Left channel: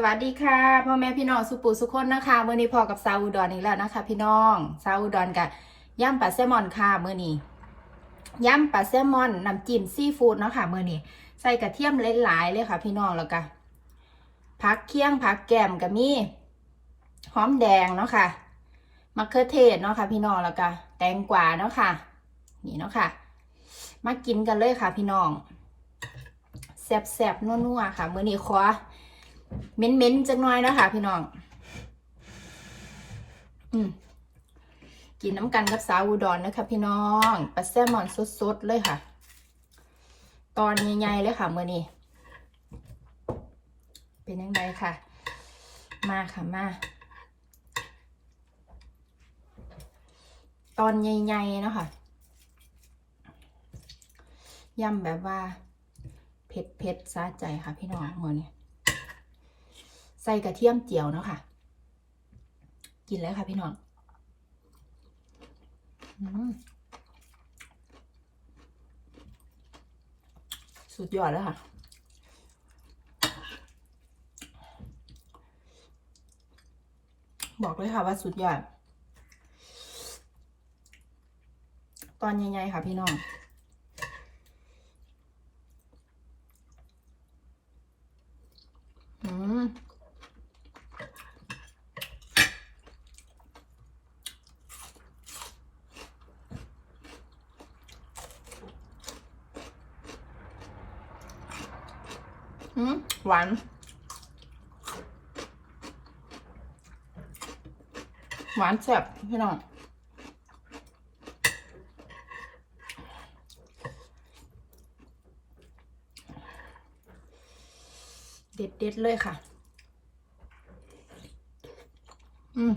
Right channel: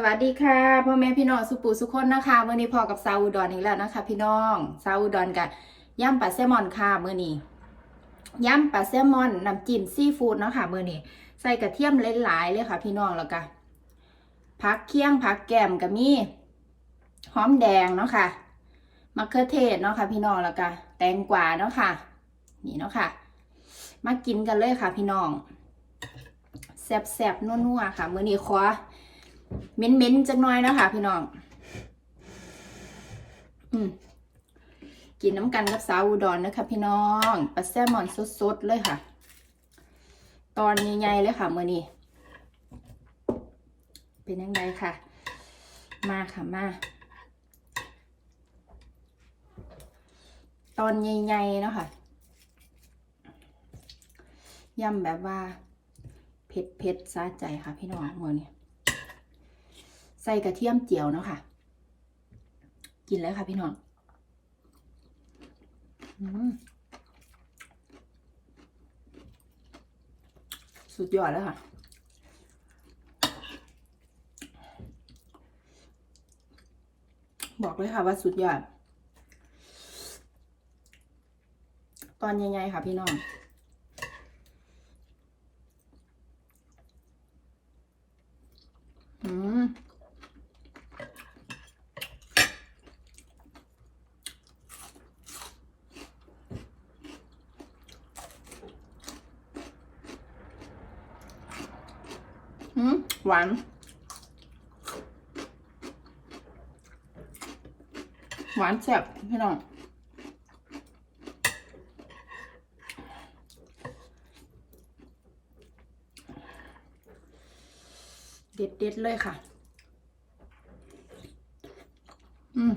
สวัสดีค่ะพ่อแม่พี่น้องสุปูสุคนนะคะเมื่อนี้พอกับซาอุดอนอีกแล้วนะคะ พี่น้องซาอุดอนกับย่ำปลาแซลมอนค่ะเมื่อนี้ย่ำปลาแซลมอนน้ำจิ้มซีฟู้ดเนาะคะเมื่อนี้ใส่กระเทียมหลายๆเลยค่ะ พี่น้องแล้วก็ผักเคี่ยงผักแกมกับมีหอมแดงเนาะค่ะมะเขือเทศเนาะค่ะ พี่น้องแล้วก็แตงกวาเนาะค่ะนี่เนาะค่ะ มากินกันเลยค่ะ พี่น้องแซ่บๆนัวๆค่ะเมื่อนี้ขอ เม้นเม้นๆจังน้อยนะคะพี่น้อง อืมกินน้ำกันกับสาวอุดรนะคะพี่น้องปลาแซลมอนสดๆเลยค่ะ ตอนใหญ่ๆเลยค่ะเมื่อนี้เป็นยังไงค่ะ มาค่ะมา ตอนใหญ่ๆเนาะค่ะยำแบบว่าเผ็ดเผ็ดๆซาใจค่ะพี่น้องเมื่อนี้ ส่กระเทียมเจียวเนาะค่ะ กินแล้วค่ะพี่น้องอสุดยอดแล้วค่ะ บอกเลยค่ะว่าสุดยอด ตอนใหญ่ๆค่ะพี่น้อง อืม อืม หวาน หวานแซ่บพี่น้องเด็ดเด็ดเลยค่ะ อืม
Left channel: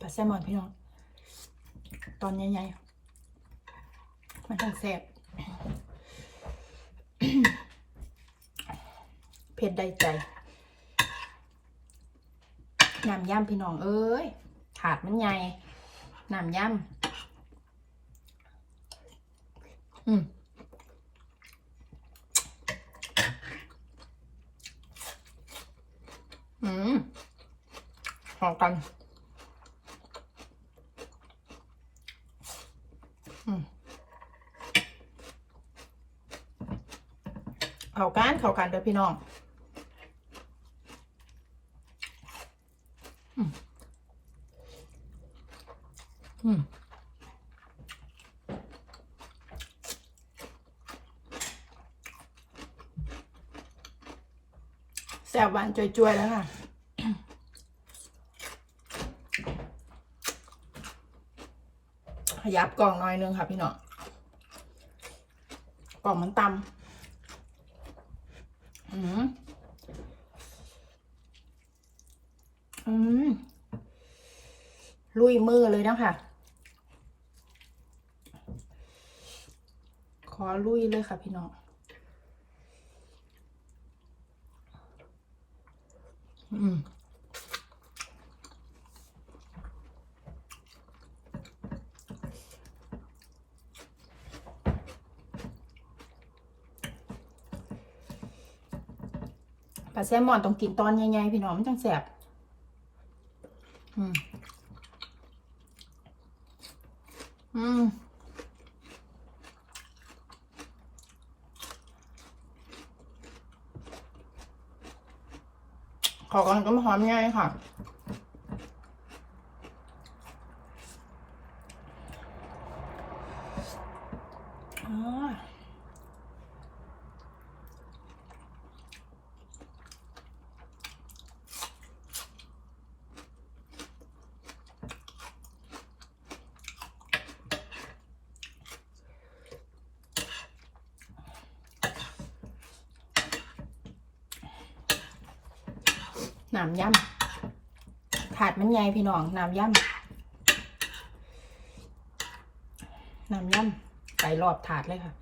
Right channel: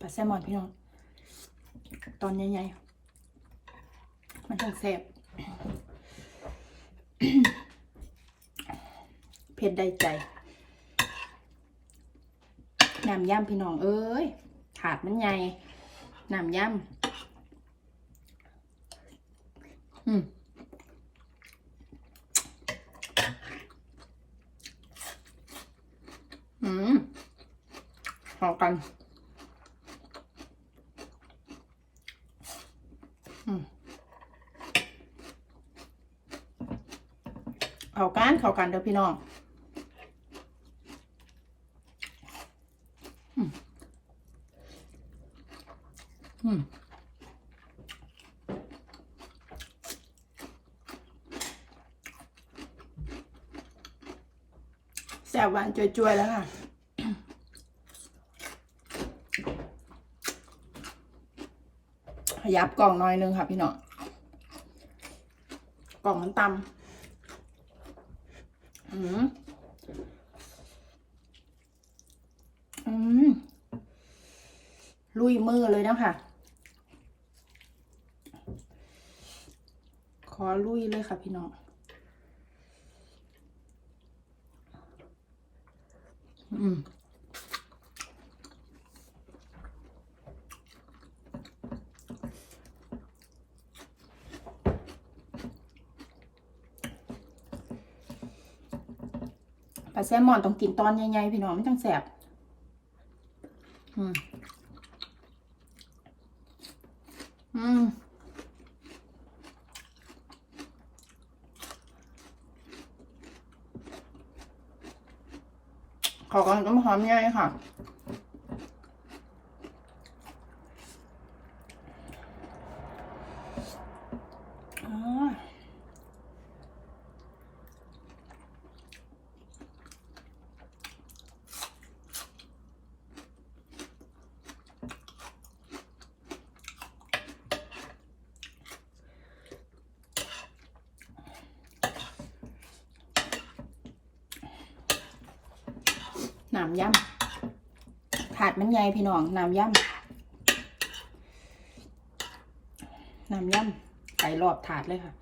ปลาแซลมอนพี่น้อง ตอนใหญ่ๆ มันต้องแซ่บเผ็ดได้ใจน้ำย่ำพี่น้องเอ้ยถาดมันใหญ่น้ำย่ำอืมอืมหอมกัน อืม เข้ากันเด้อพี่น้องอืมแซ่บหวานจวยๆแล้วค่ะขยับกล่องน้อยนึงค่ะพี่น้องกล่องมันตำ อืมอืมลุยมือเลยนะคะ ขอลุยเลยค่ะพี่น้องอืม แซลมอนต้องกินตอนใหญ่ๆพี่น้องมันจังแสบอืมอืมขอกันก็มาหอมง่ายค่ะ อ๋อ น้ำย่ำถาดมันใหญ่พี่น้องน้ำย่ำน้ำย่ำใส่รอบถาดเลยค่ะ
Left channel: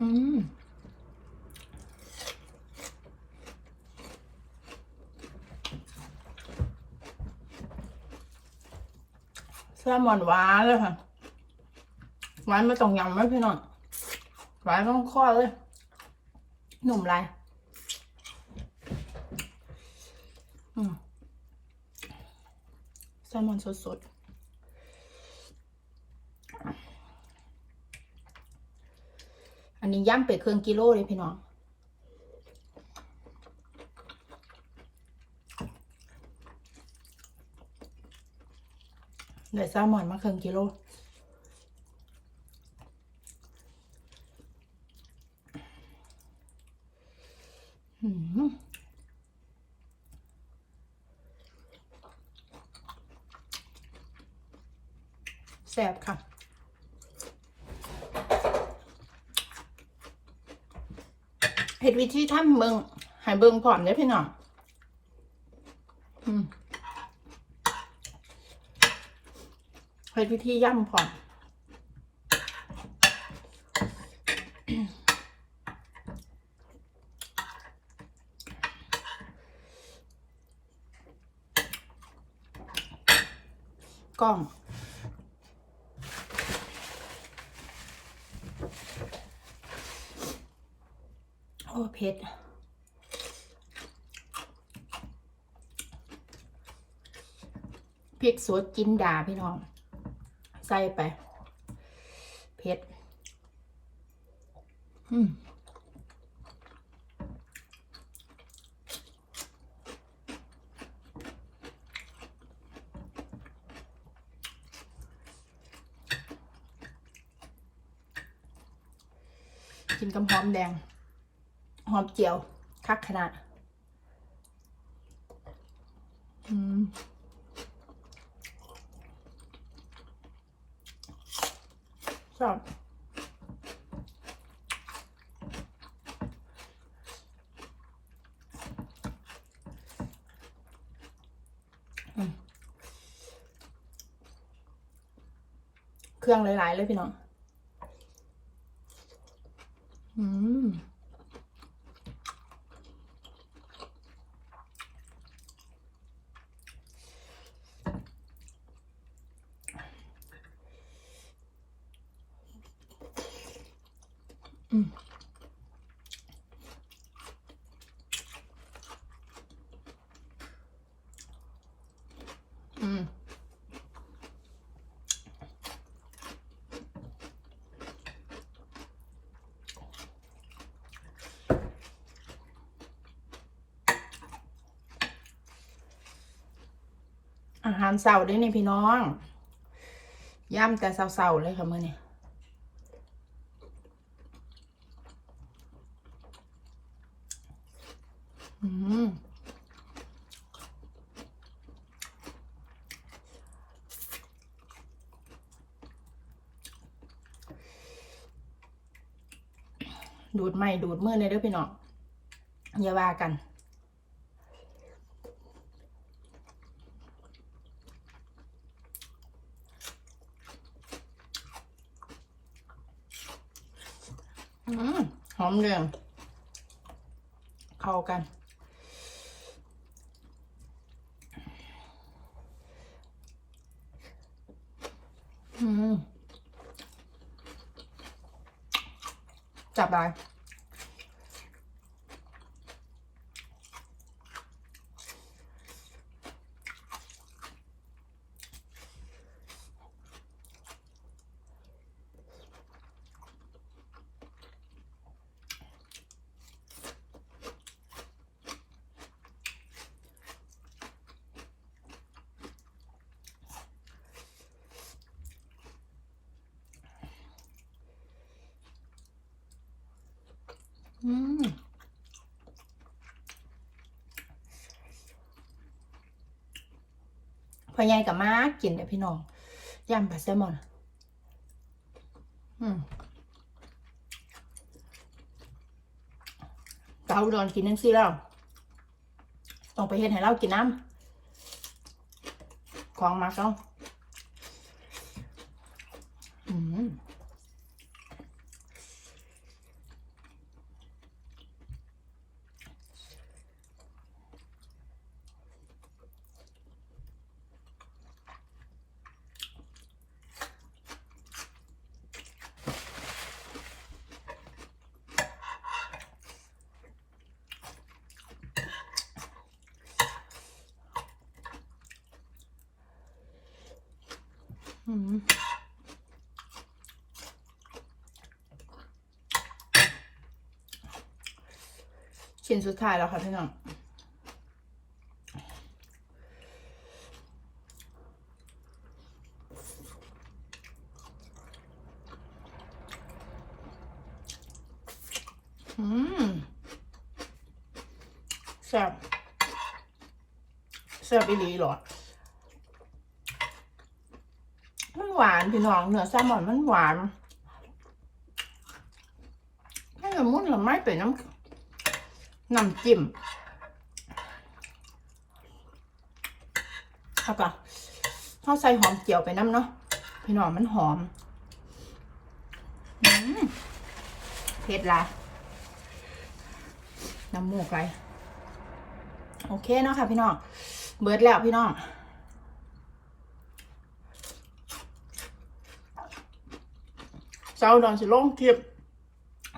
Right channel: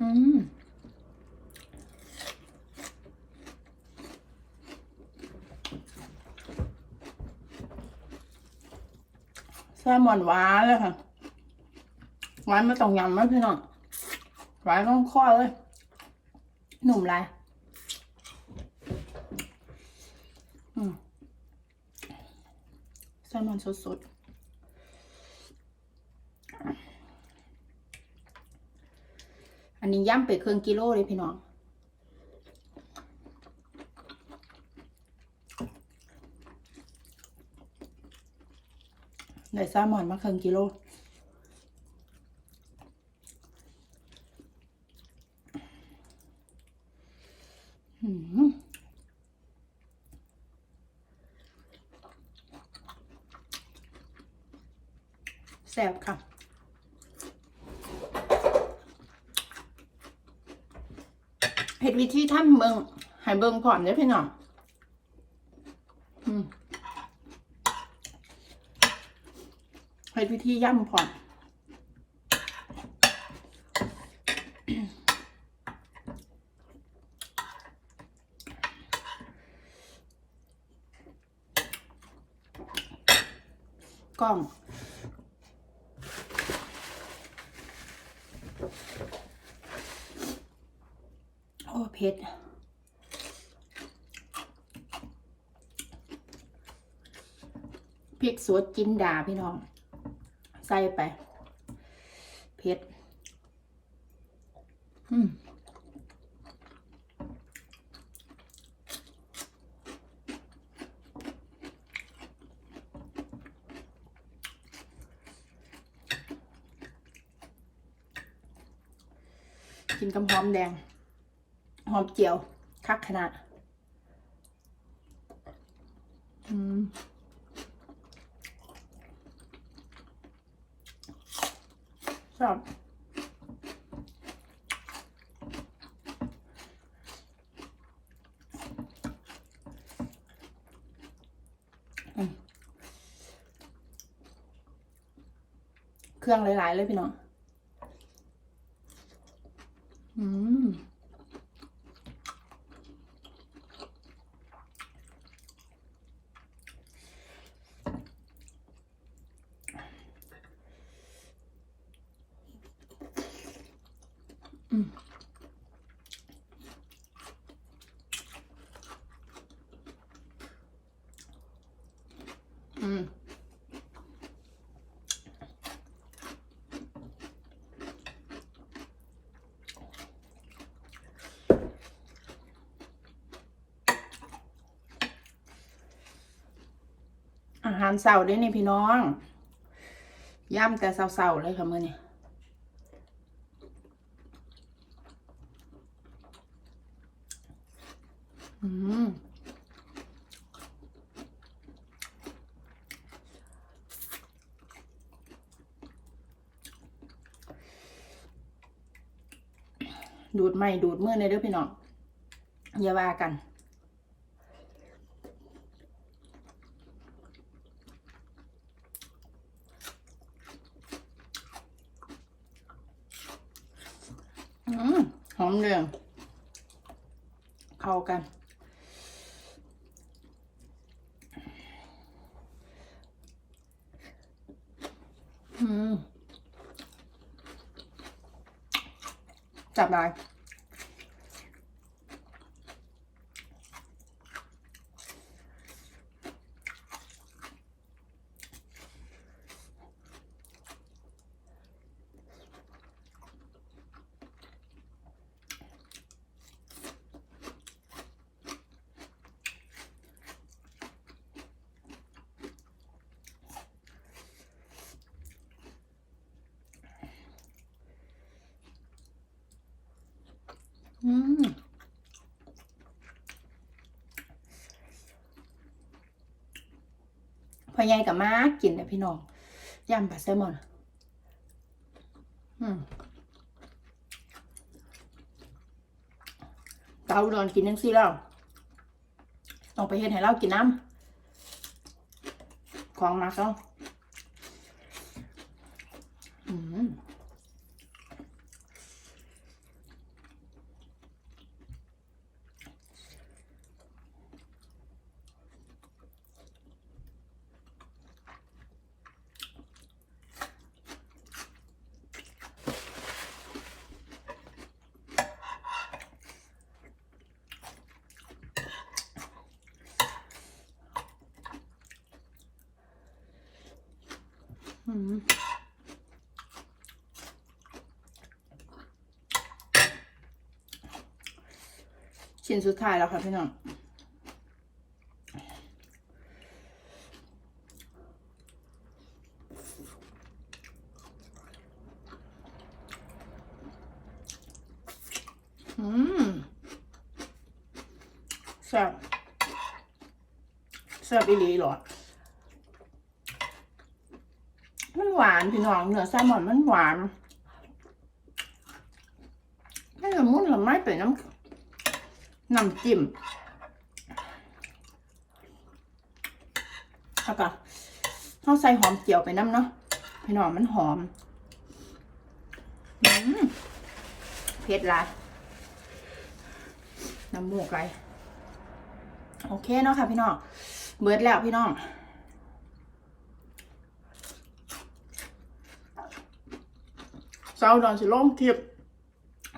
อืมแซลมอนหวานเลยค่ะหวานไม่ต้องยำไหมพี่น้อง หวานต้องข้อเลย หนุ่มไรอืมแซลมอนสดๆ อันนี้ย่ำไปครึ่งกิโลเลยพี่น้องได้แซลมอนมาครึ่งกิโล อืม แซ่บค่ะ เห็ดวิธีทำเบิงให้เบิงพร้อมเลยพี่น้องอืมเห็ดวิธีย่ำพร้อมกล้อง โอ้เผ็ดพริกสดจินดาพี่น้อง ใส่ไป เผ็ด อืมกินกับหอมแดง หอมเจียว คักขนาด อืมชอบอืมเครื่องหลาย ๆ เลยพี่น้อง อืม อืม อืม อาหารเสาร์ด้วยนี่พี่น้องย่ำแต่เสาๆเลยค่ะมื่อนี้อืมดูดไม่ดูดมือในเด้อพี่น้องอย่าว่ากัน หอมเรือง เข้ากัน จับไป อืมพอใหญ่กับมากินเด้อพี่น้องยำปลาแซลมอน อืมเกาดอนกินนั่นสิแล้ว ต้องไปเฮ็ดให้เรากินน้ำของมาเขาอืม อืม ชิ้นสุดท้ายแล้วค่ะพี่น้องอืมแซ่บแซ่บอีหลีหรอ มันหวานพี่น้องเนื้อแซลมอนมันหวานไม่ละมุนละไม้เป็นน้ำน้ำจิ้มเอาปะเขาใส่หอมเจียวไปน้ำเนาะพี่น้องมันหอมอเผ็ดละน้ำมูกไรโอเคเนาะค่ะพี่น้องเบิดแล้วพี่น้อง เจ้าดอนสิลงคลิป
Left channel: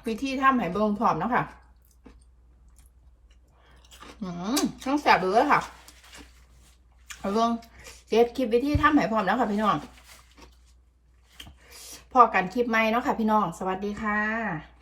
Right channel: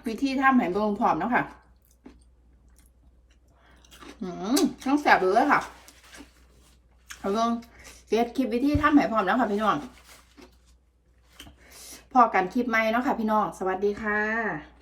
วิธีทำให้เบิ่งพร้อมเนาะค่ะอืมต้องแสบเลยค่ะเอาเบิ่งเด็ดคลิปวิธีทำให้พร้อมแล้วค่ะพี่น้องพอกันคลิปใหม่เนาะค่ะพี่น้อง สวัสดีค่ะ